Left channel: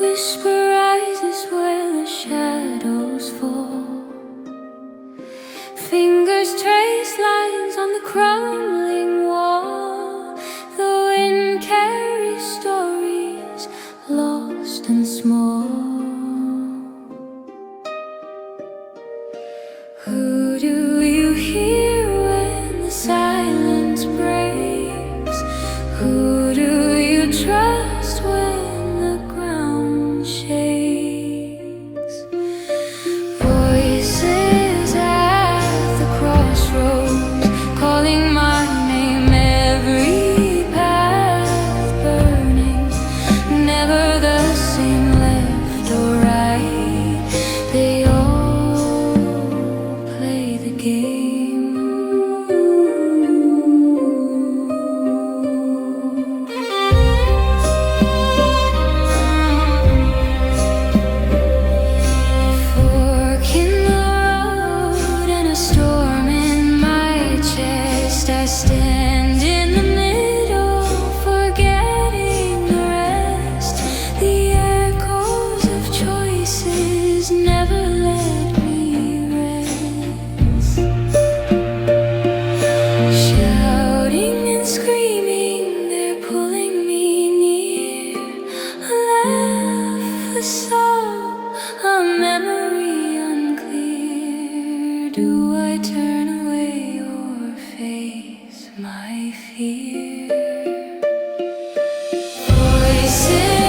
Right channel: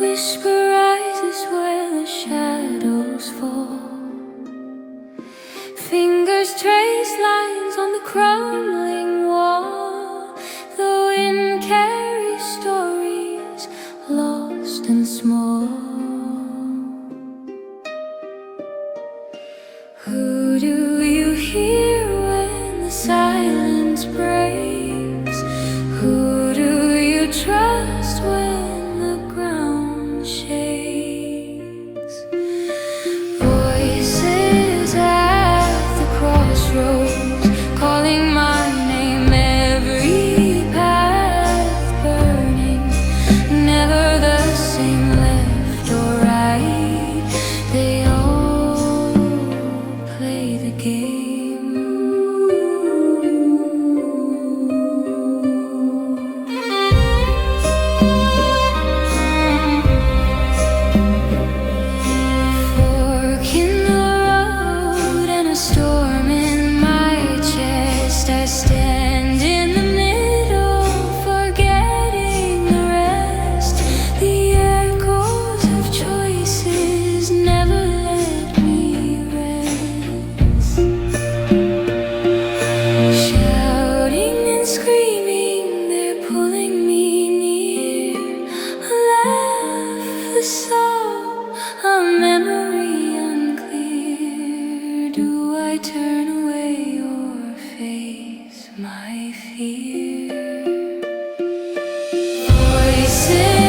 Whisper rises where the shadows fall. Fingers trace lines on the crumbling wall. The wind carries stories lost and small. Who do you hear when the silence breaks? Who do you trust when the ground shakes? Voices at the crossroads calling my name, every path burning, never the same left or right. They all play the game. I stand in the middle, forgetting the rest. The echoes of choices never let me rest. Shouting and screaming, they're pulling me near. A laugh, a sob, a memory unclear. Do I turn away or face my fear? Voices